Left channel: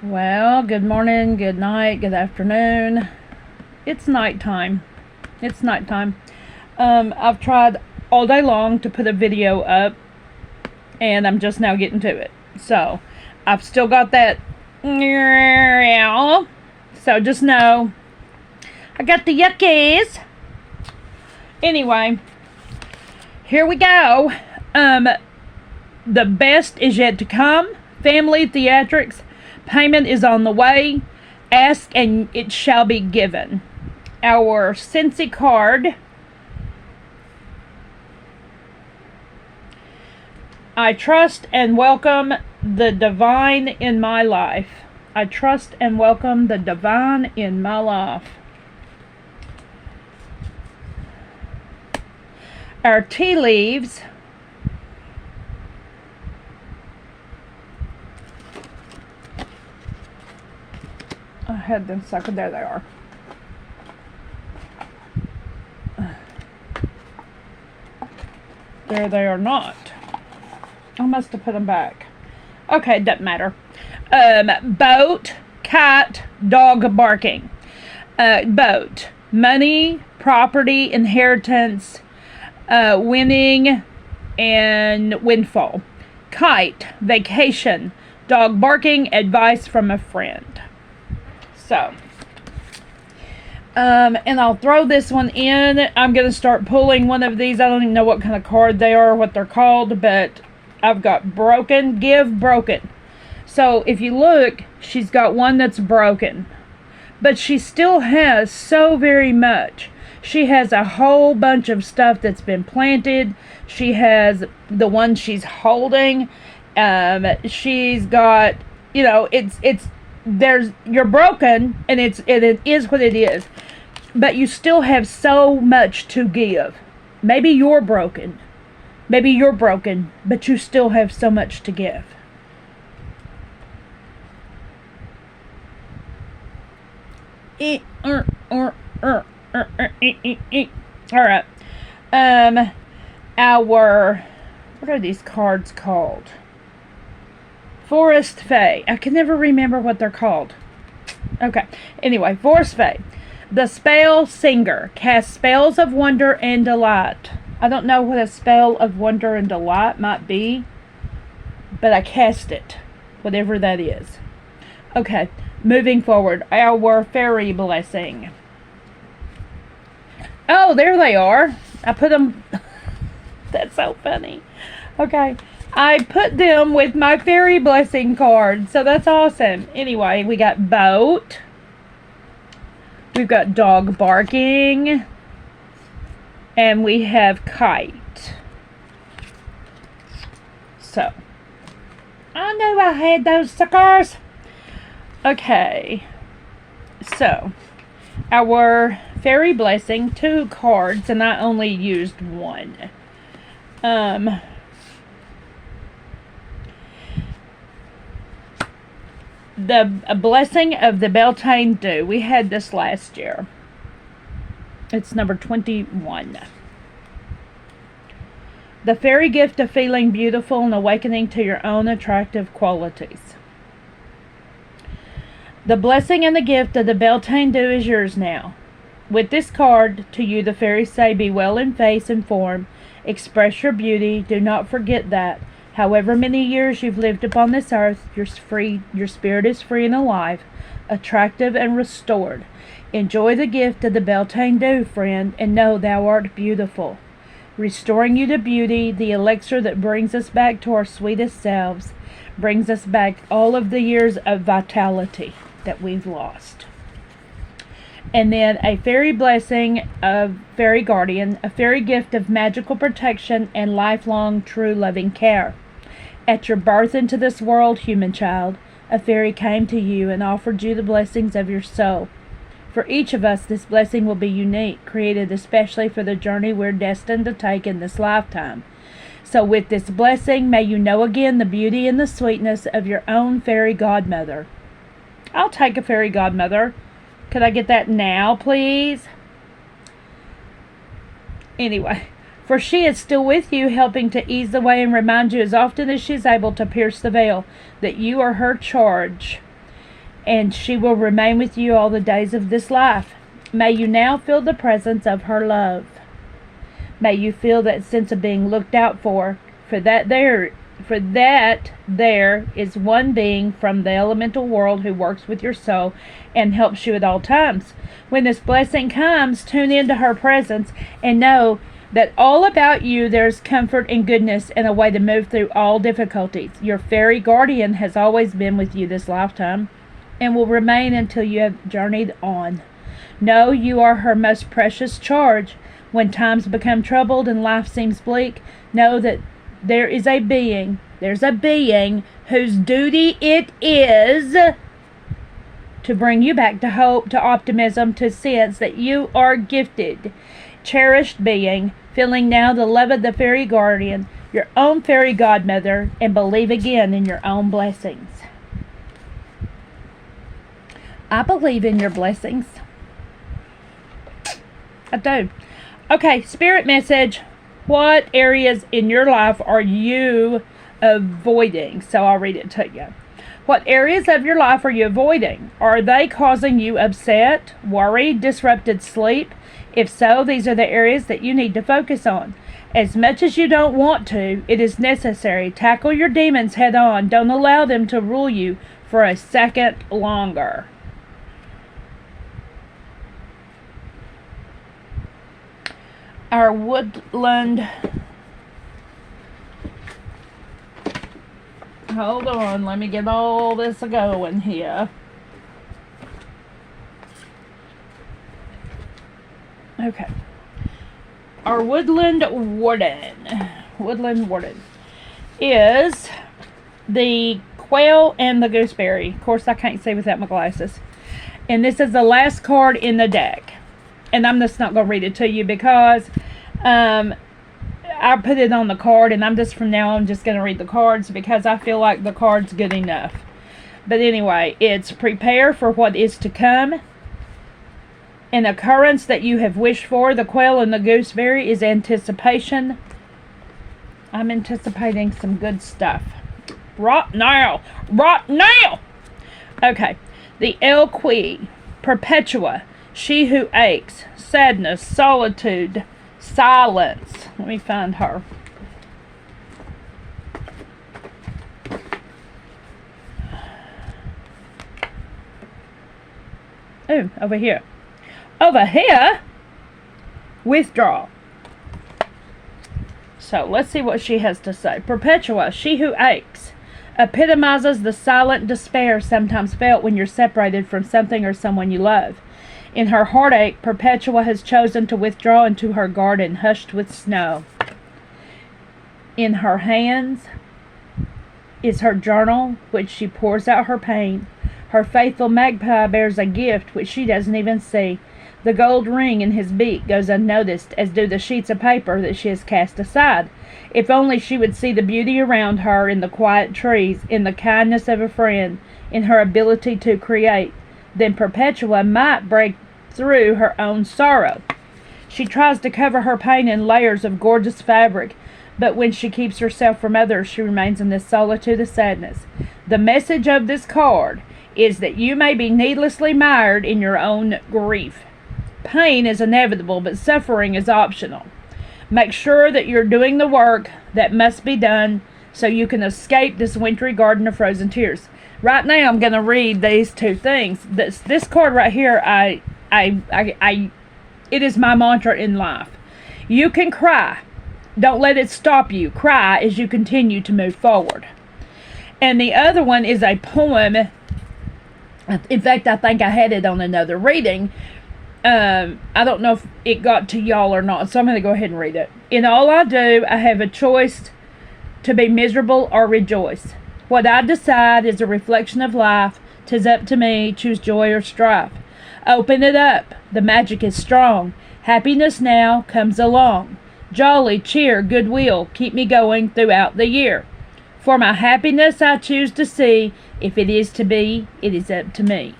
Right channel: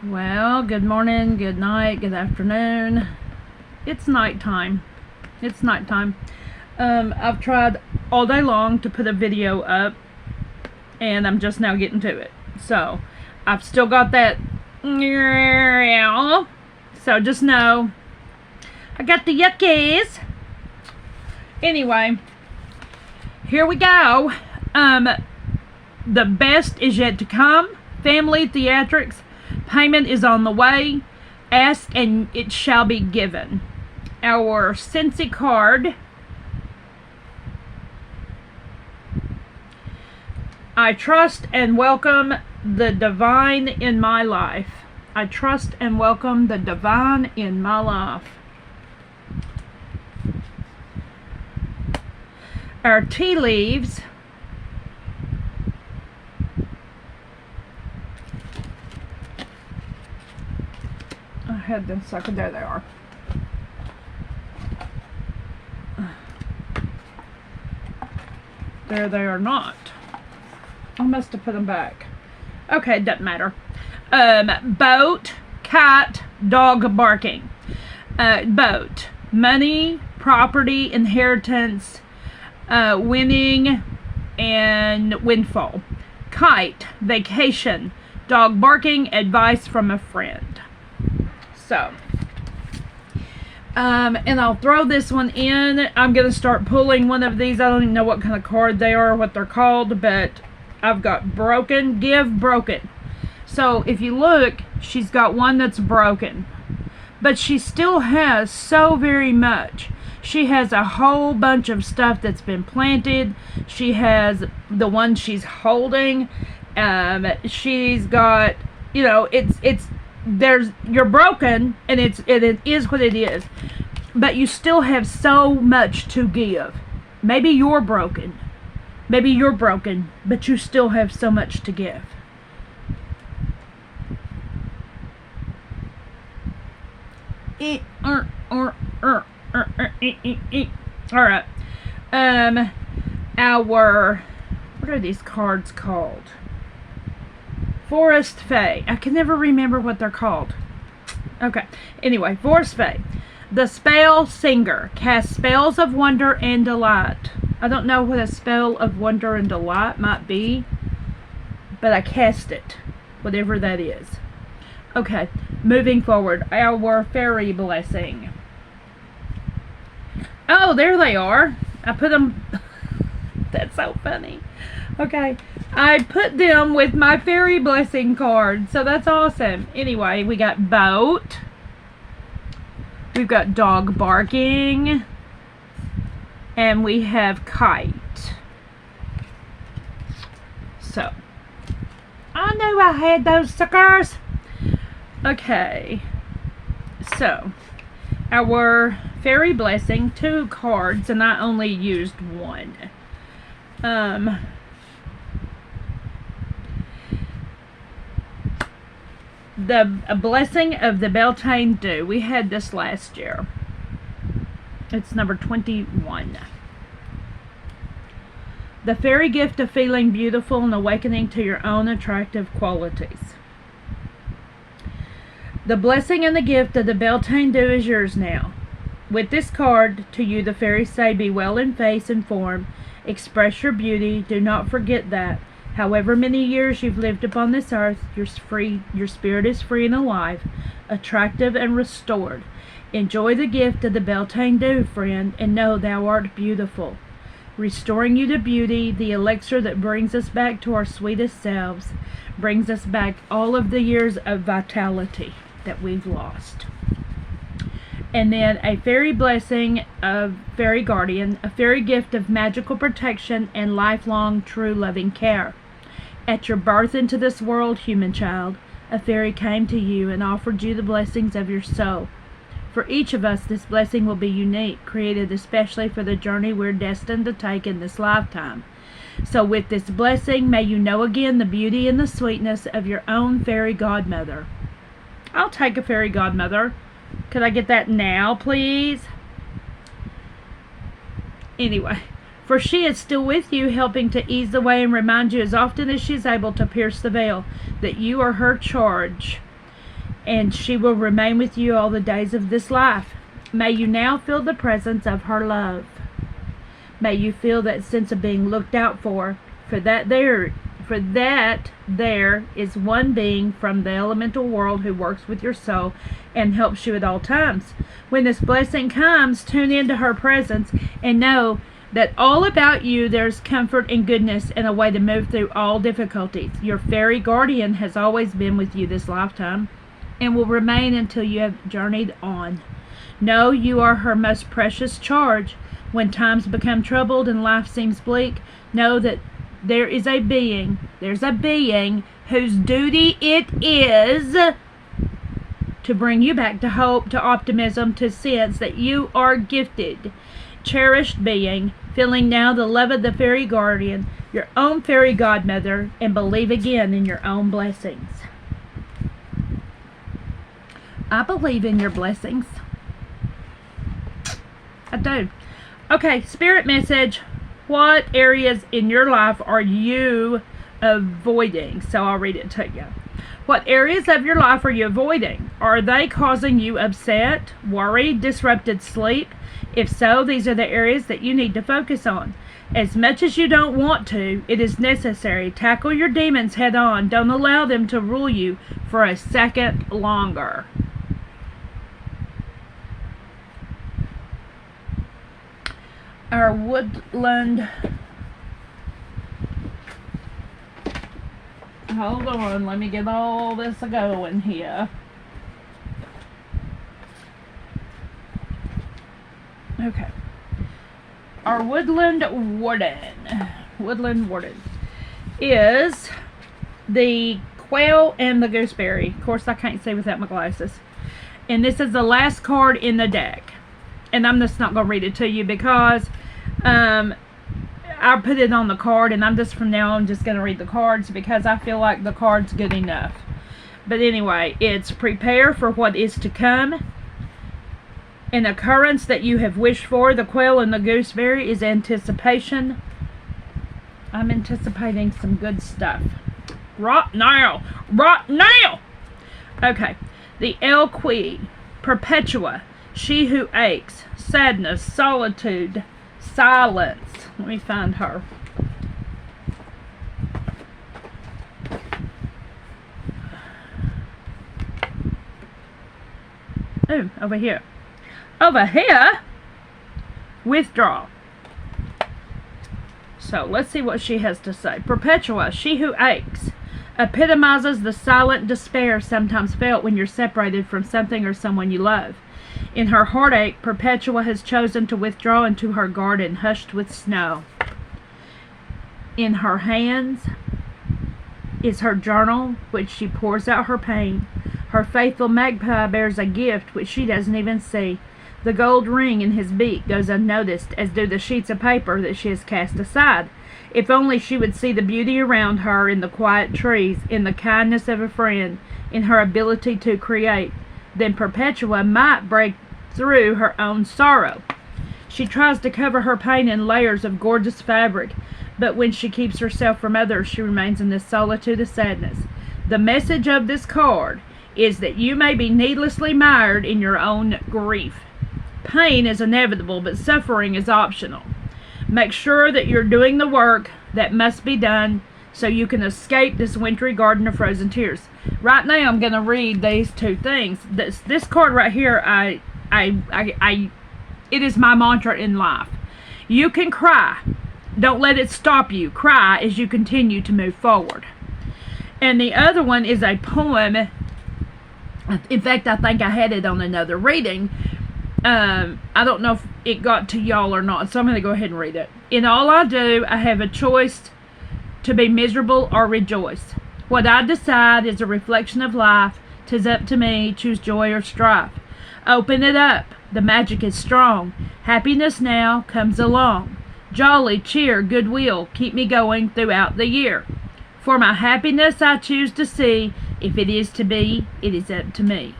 Well, good morning, good night, good afternoon. It's nighttime. It's nighttime. I've tried all day long to put a video up, and I'm just now getting to it. So, I've still got that. So, just know I got the yuckies. Anyway, here we go. The best is yet to come. Family Theatrics. Payment is on the way. Ask and it shall be given. Our Scentsy card. I trust and welcome the divine in my life. I trust and welcome the divine in my life. Our tea leaves. I had them sucking. There they are. There they are not. I must have put them back. Okay, it doesn't matter. Boat, cat, dog barking. Boat, money, property, inheritance, winning, and windfall. Kite, vacation, dog barking, advice from a friend. So, and I'll throw this one in. I'm going to start pulling one of these. I don't even know what kind of card they are, what they're called, but I've got broken, give, broken. So if you look, she's got one that's broken, but she still has so very much. She has a whole bunch of stuff that's been planted. She has the one she's holding. She's got, you're broken, and it is what it is, but you still have so much to give. Maybe you're broken, but you still have so much to give. All right. What are these cards called? Forest Fae. I can never remember what they're called. Okay. Anyway, Forest Fae. The spell singer casts spells of wonder and delight. I don't know what a spell of wonder and delight might be, but I cast it. Whatever that is. Okay. Moving forward. Our fairy blessing. Oh, there they are. I put them... That's so funny. Okay. I put them with my fairy blessing card, so that's awesome. Anyway, we got boat. We've got dog barking. And we have kite. So, I knew I had those suckers. Okay. So, our fairy blessing, 2 cards, and I only used 1. The blessing of the Beltane Dew. We had this last year. It's number 21. The fairy gift of feeling beautiful and awakening to your own attractive qualities. The blessing and the gift of the Beltane Dew is yours now. With this card, to you the fairies say, be well in face and form, express your beauty, do not forget that. However many years you've lived upon this earth, your spirit is free and alive, attractive and restored. Enjoy the gift of the Beltane Dew, friend, and know thou art beautiful. Restoring you to beauty, the elixir that brings us back to our sweetest selves, brings us back all of the years of vitality that we've lost. And then a fairy blessing of fairy guardian, a fairy gift of magical protection and lifelong true loving care. At your birth into this world, human child, a fairy came to you and offered you the blessings of your soul. For each of us, this blessing will be unique, created especially for the journey we're destined to take in this lifetime. So with this blessing, may you know again the beauty and the sweetness of your own fairy godmother. I'll take a fairy godmother. Could I get that now, please? Anyway, for she is still with you, helping to ease the way and remind you as often as she is able to pierce the veil that you are her charge. and she will remain with you all the days of this life. May you now feel the presence of her love. May you feel that sense of being looked out for that there is one being from the elemental world who works with your soul and helps you at all times. When this blessing comes, tune into her presence and know that all about you there's comfort and goodness and a way to move through all difficulties. Your fairy guardian has always been with you this lifetime and will remain until you have journeyed on. Know you are her most precious charge. When times become troubled and life seems bleak, know that there's a being whose duty it is to bring you back to hope, to optimism, to sense that you are gifted, cherished being, feeling now the love of the fairy guardian, your own fairy godmother, and believe again in your own blessings. I believe in your blessings. I do. Okay, spirit message. What areas in your life are you avoiding? So I'll read it to you. What areas of your life are you avoiding? Are they causing you upset, worry, disrupted sleep? If so, these are the areas that you need to focus on. As much as you don't want to, it is necessary. Tackle your demons head on. Don't allow them to rule you for a second longer. Our woodland. Hold on, let me get all this going here. Okay. Our woodland warden is the quail and the gooseberry. Of course, I can't see without my glasses. And this is the last card in the deck. And I'm just not going to read it to you because I put it on the card, and I'm just from now on just going to read the cards because I feel like the card's good enough. But anyway, it's prepare for what is to come. An occurrence that you have wished for. The quail and the gooseberry is anticipation. I'm anticipating some good stuff. Right now. Okay. The Elqui, Perpetua, she who aches, sadness, solitude, silence. Let me find her. Oh, over here. Over here, withdraw. So let's see what she has to say. Perpetua, she who aches, epitomizes the silent despair sometimes felt when you're separated from something or someone you love. In her heartache, Perpetua has chosen to withdraw into her garden, hushed with snow. In her hands is her journal, which she pours out her pain. Her faithful magpie bears a gift which she doesn't even see. The gold ring in his beak goes unnoticed, as do the sheets of paper that she has cast aside. If only she would see the beauty around her in the quiet trees, in the kindness of a friend, in her ability to create, then Perpetua might break through her own sorrow. She tries to cover her pain in layers of gorgeous fabric, but when she keeps herself from others, she remains in this solitude of sadness. The message of this card is that you may be needlessly mired in your own grief. Pain is inevitable, but suffering is optional. Make sure that you're doing the work that must be done so you can escape this wintry garden of frozen tears. Right now, I'm going to read these two things. This card right here, it is my mantra in life. You can cry. Don't let it stop you. Cry as you continue to move forward. And the other one is a poem. In fact, I think I had it on another reading. I don't know if it got to y'all or not, so I'm going to go ahead and read it. In all I do, I have a choice to be miserable or rejoice. What I decide is a reflection of life. 'Tis up to me, choose joy or strife. Open it up, the magic is strong. Happiness now comes along. Jolly, cheer, goodwill, keep me going throughout the year. For my happiness I choose to see. If it is to be, it is up to me.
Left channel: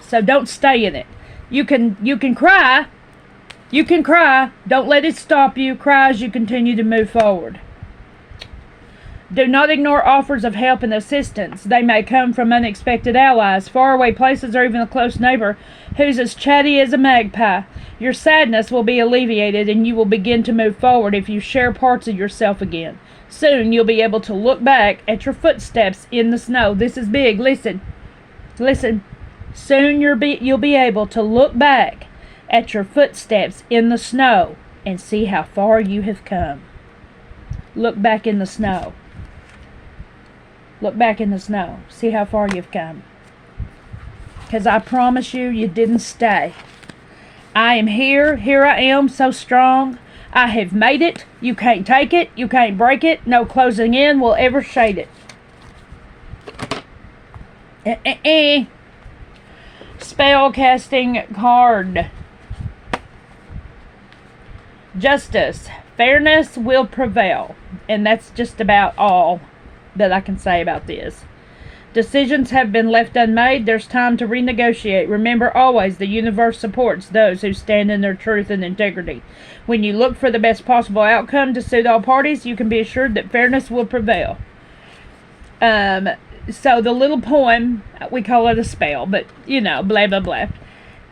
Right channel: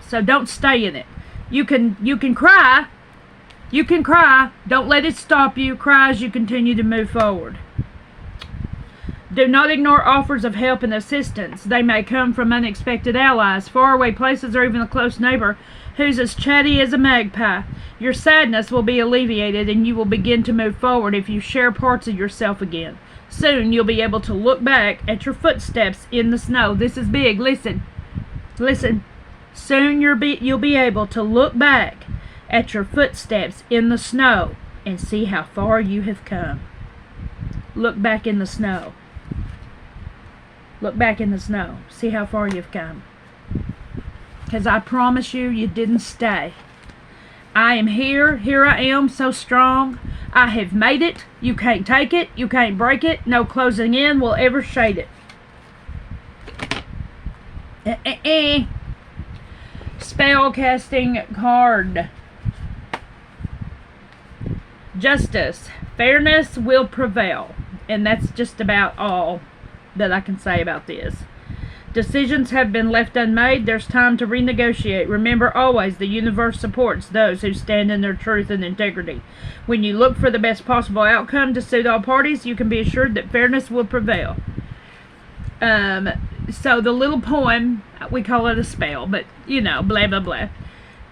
So don't stay in it. You can cry. You can cry. Don't let it stop you. Cry as you continue to move forward. Do not ignore offers of help and assistance. They may come from unexpected allies, faraway places, or even a close neighbor who's as chatty as a magpie. Your sadness will be alleviated and you will begin to move forward if you share parts of yourself again. Soon you'll be able to look back at your footsteps in the snow. This is big. Listen. Listen. Soon you'll be able to look back at your footsteps in the snow and see how far you have come. Look back in the snow. Look back in the snow. See how far you've come. Because I promise you, you didn't stay. I am here. Here I am, so strong. I have made it. You can't take it. You can't break it. No closing in will ever shade it. Spell casting card. Justice. Fairness will prevail. And that's just about all that I can say about this. Decisions have been left unmade. There's time to renegotiate. Remember always, the universe supports those who stand in their truth and integrity. When you look for the best possible outcome to suit all parties, you can be assured that fairness will prevail. So the little poem, we call it a spell, but blah, blah, blah,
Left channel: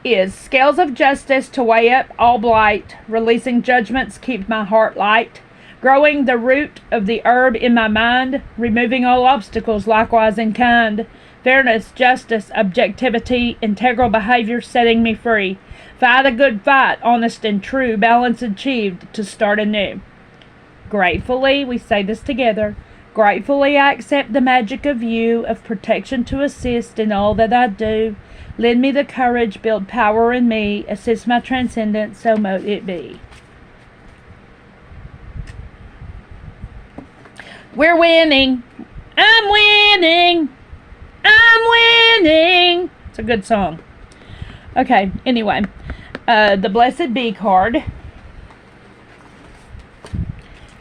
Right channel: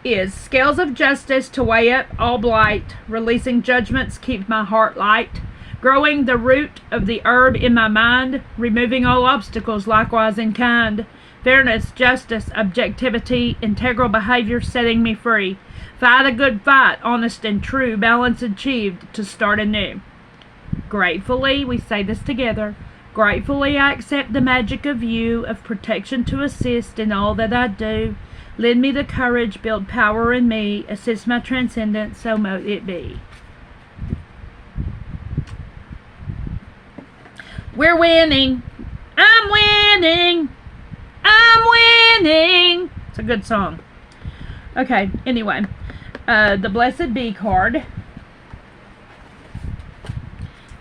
is scales of justice to weigh up all blight, releasing judgments, keep my heart light. Growing the root of the herb in my mind, removing all obstacles likewise in kind. Fairness, justice, objectivity, integral behavior setting me free. Fight a good fight, honest and true, balance achieved to start anew. Gratefully, we say this together, gratefully I accept the magic of you, of protection to assist in all that I do. Lend me the courage, build power in me, assist my transcendence, so mote it be. We're winning. I'm winning. I'm winning. It's a good song. Okay, anyway. The Blessed Bee card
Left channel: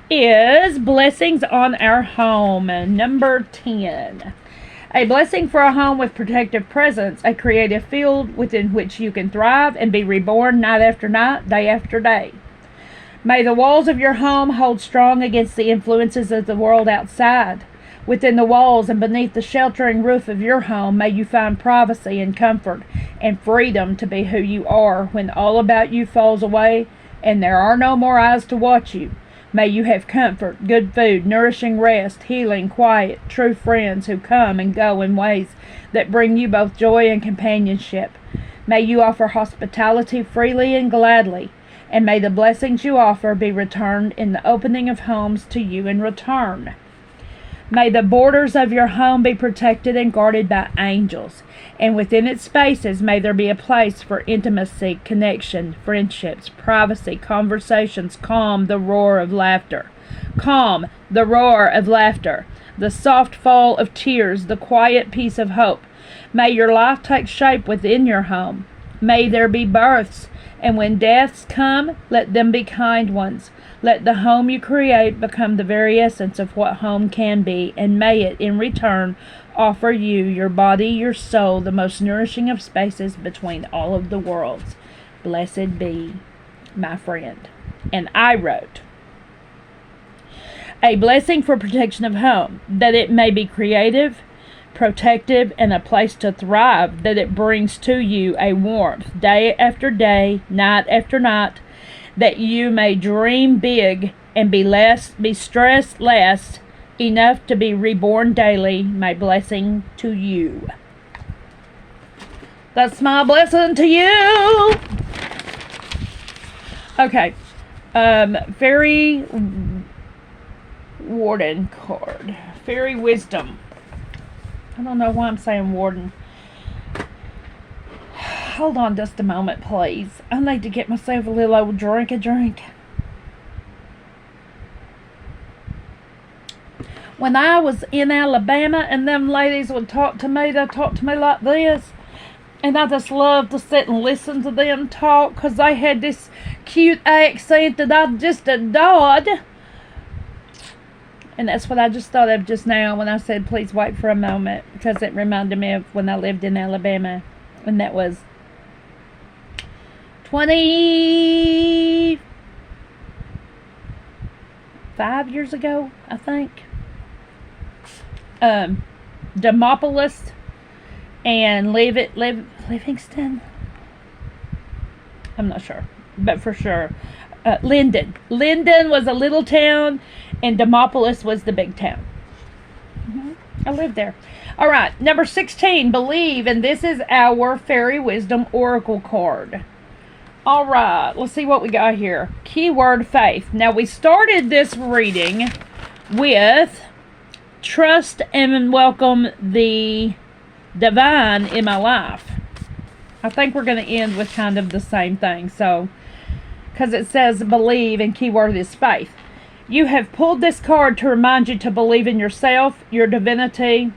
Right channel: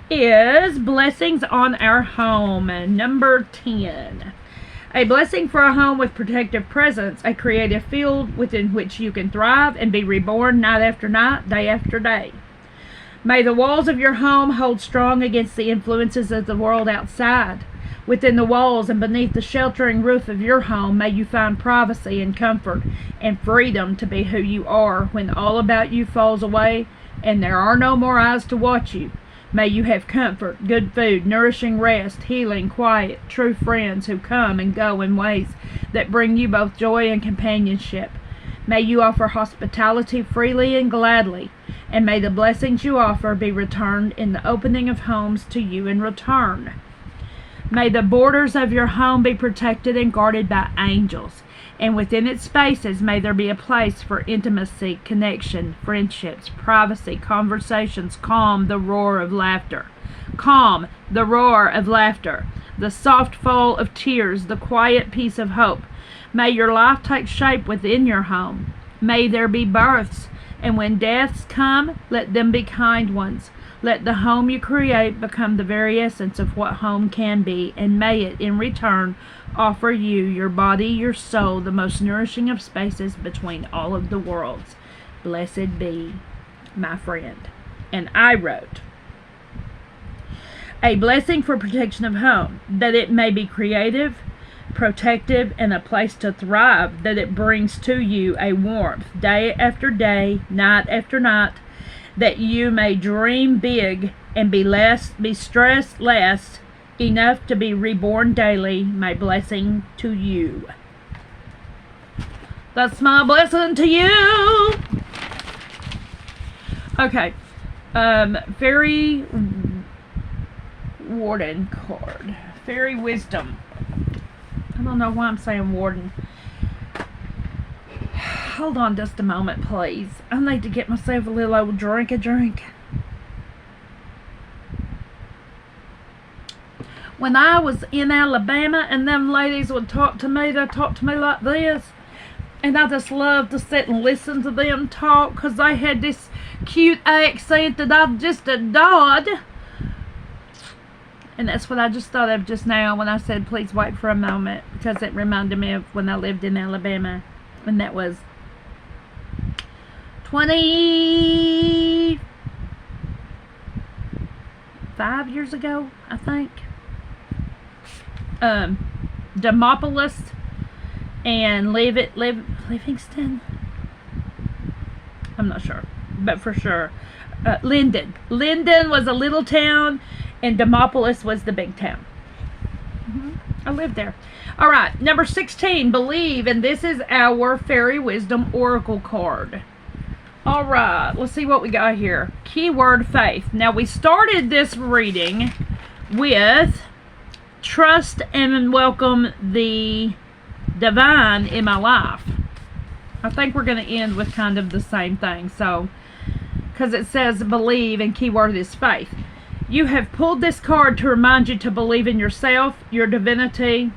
is blessings on our home. Number 10. A blessing for a home with protective presence. A creative field within which you can thrive and be reborn night after night, day after day. May the walls of your home hold strong against the influences of the world outside. Within the walls and beneath the sheltering roof of your home, may you find privacy and comfort and freedom to be who you are when all about you falls away and there are no more eyes to watch you. May you have comfort, good food, nourishing rest, healing, quiet, true friends who come and go in ways that bring you both joy and companionship. May you offer hospitality freely and gladly. And may the blessings you offer be returned in the opening of homes to you in return. May the borders of your home be protected and guarded by angels, and within its spaces may there be a place for intimacy, connection, friendships, privacy, conversations. Calm the roar of laughter. Calm the roar of laughter. The soft fall of tears, the quiet peace of hope. May your life take shape within your home. May there be births. And when deaths come, let them be kind ones. Let the home you create become the very essence of what home can be, and may it, in return, offer you, your body, your soul, the most nourishing of spaces between all of the worlds. Blessed be, my friend. And I wrote, a blessing for protection of home, that it may be creative, protective, and a place to thrive, that it brings to you a warmth day after day, night after night, that you may dream big and be stressed less, enough to be reborn daily. My blessing to you. That's my blessing to you. Okay. Fairy Warden card. Fairy Wisdom. I don't know why I'm saying warden. Hold on just a moment, please. I need to get myself a little old drink. When I was in Alabama and them ladies would talk to me, they talked to me like this. And I just loved to sit and listen to them talk because they had this cute accent that I just adored. And that's what I just thought of just now when I said, please wait for a moment, because it reminded me of when I lived in Alabama. And that was 25 years ago, I think. Demopolis and Livingston. I'm not sure, but for sure, Linden. Linden was a little town, and Demopolis was the big town. I lived there. All right, number 16, believe, and this is our Fairy Wisdom Oracle card. All right, let's see what we got here. Keyword faith. Now, we started this reading with trust and welcome the divine in my life. I think we're going to end with kind of the same thing. So, because it says believe and keyword is faith. You have pulled this card to remind you to believe in yourself, your divinity,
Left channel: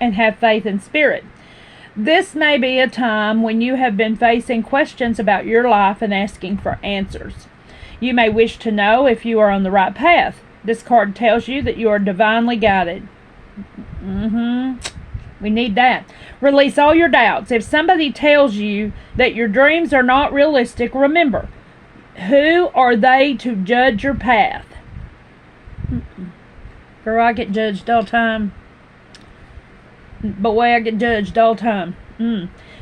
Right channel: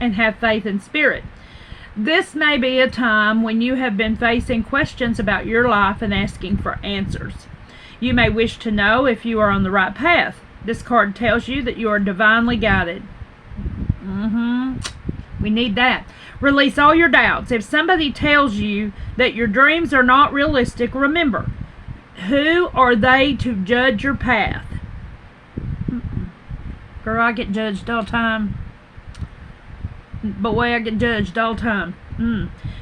and have faith in spirit. This may be a time when you have been facing questions about your life and asking for answers. You may wish to know if you are on the right path. This card tells you that you are divinely guided. We need that. Release all your doubts. If somebody tells you that your dreams are not realistic, remember, who are they to judge your path? Girl, I get judged all the time. Boy, I get judged all the time.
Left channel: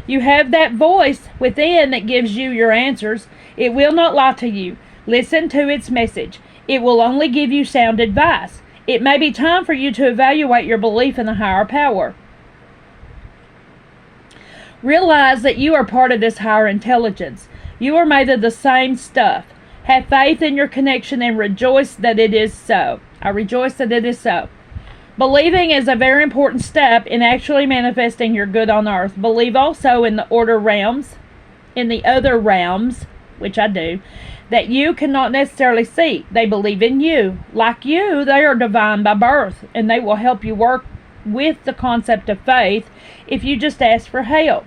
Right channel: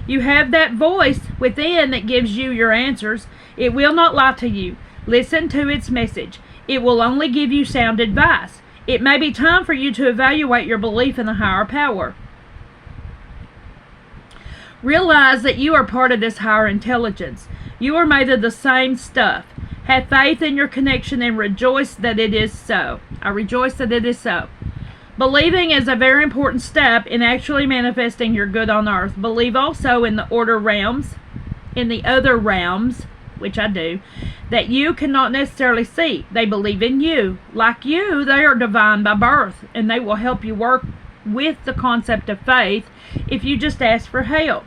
You have that voice within that gives you your answers. It will not lie to you. Listen to its message. It will only give you sound advice. It may be time for you to evaluate your belief in the higher power. Realize that you are part of this higher intelligence. You are made of the same stuff. Have faith in your connection and rejoice that it is so. I rejoice that it is so. Believing is a very important step in actually manifesting your good on earth. Believe also in the order realms, in the other realms, which I do, that you cannot necessarily see. They believe in you. Like you, they are divine by birth, and they will help you work with the concept of faith if you just ask for help.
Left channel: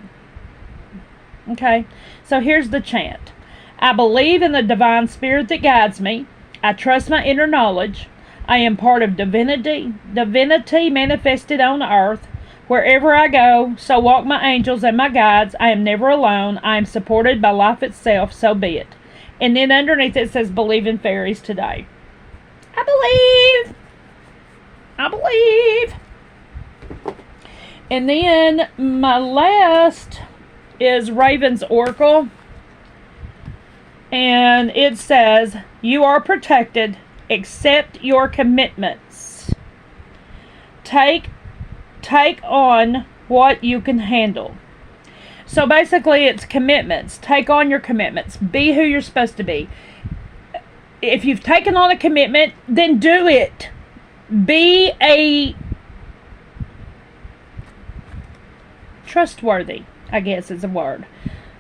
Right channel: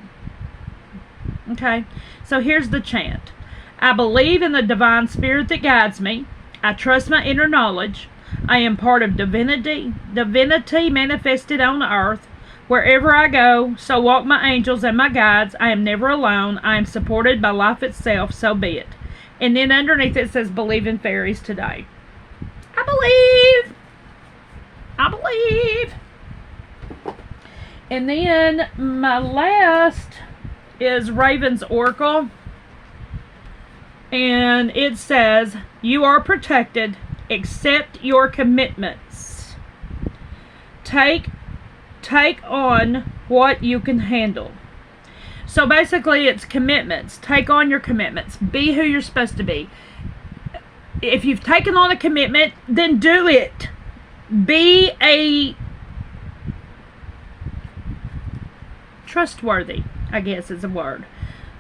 Okay, so here's the chant. I believe in the divine spirit that guides me. I trust my inner knowledge. I am part of divinity manifested on earth. Wherever I go, so walk my angels and my guides. I am never alone. I am supported by life itself, so be it. And then underneath it says, believe in fairies today. I believe. I believe. And then my last is Raven's Oracle. And it says, you are protected. Accept your commitments. Take on what you can handle. So basically it's commitments. Take on your commitments. Be who you're supposed to be. If you've taken on a commitment, then do it. Be a trustworthy, I guess is a word.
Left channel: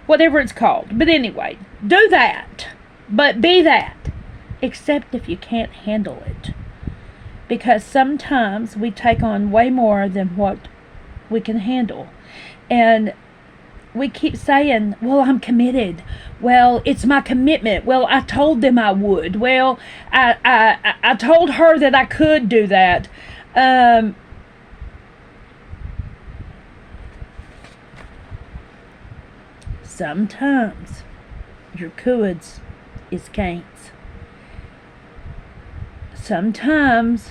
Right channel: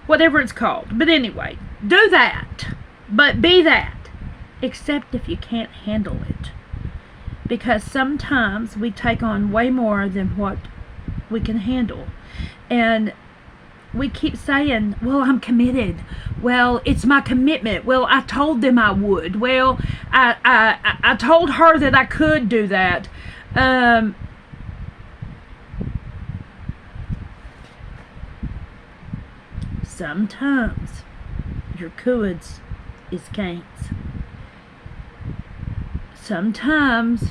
Whatever it's called. But anyway, do that. But be that. Except if you can't handle it. Because sometimes we take on way more than what we can handle. And we keep saying, well, I'm committed. Well, it's my commitment. Well, I told them I would. Well, I told her that I could do that. Sometimes your coulds is can'ts. Sometimes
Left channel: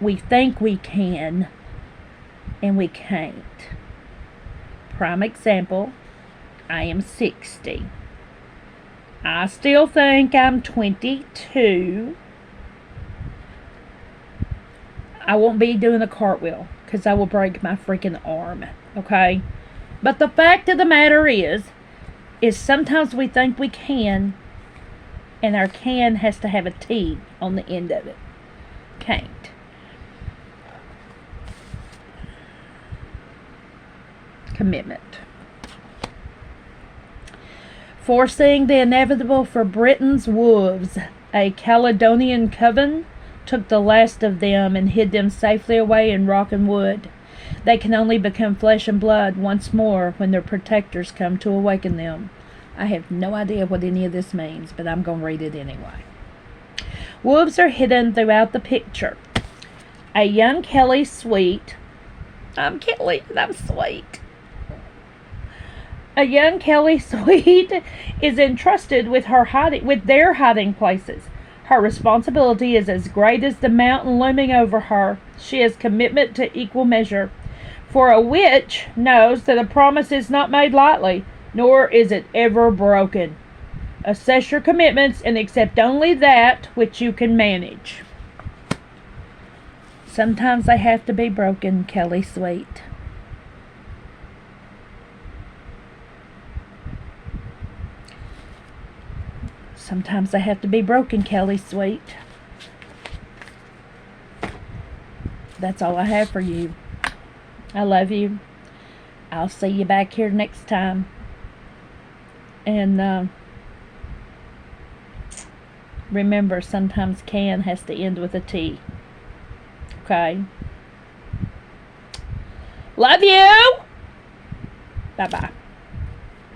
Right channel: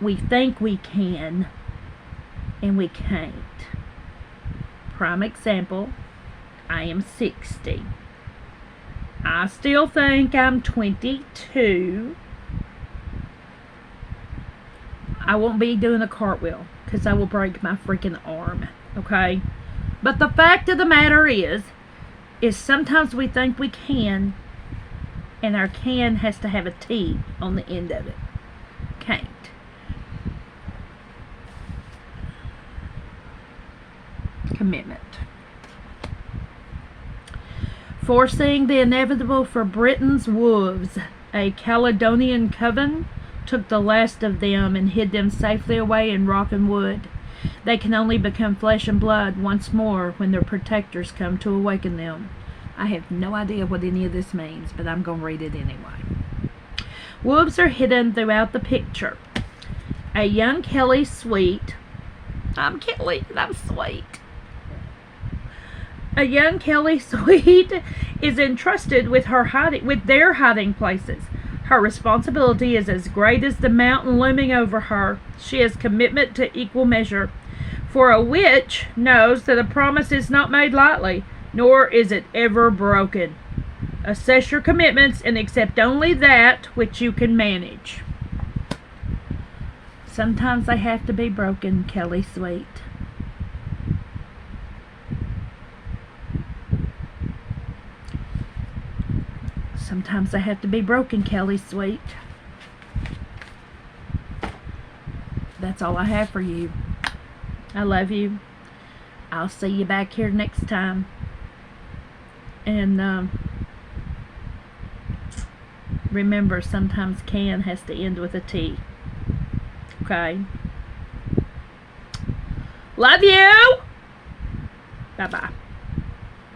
we think we can and we can't. Prime example, I am 60. I still think I'm 22. I won't be doing a cartwheel because I will break my freaking arm, okay? But the fact of the matter is sometimes we think we can, and our can has to have a T on the end of it. Can't. Commitment. Foreseeing the inevitable for Britain's wolves, a Caledonian coven took the last of them and hid them safely away in rock and wood. They can only become flesh and blood once more when their protectors come to awaken them. I have no idea what any of this means, but I'm going to read it anyway. Wolves are hidden throughout the picture. A young Kelly sweet. I'm Kelly and I'm sweet. A young Kelly sweet is entrusted with their hiding places. Her responsibility is as great as the mountain looming over her. She has commitment to equal measure. For a witch knows that a promise is not made lightly, nor is it ever broken. Assess your commitments and accept only that which you can manage. Sometimes they have to be broken, Kelly Sweet. Sometimes they have to be broken, Kelly Sweet. That's all I have for you. I love you. I'll see you back here next time. And remember, sometimes can has to end with a T. Okay? Love you! Bye-bye.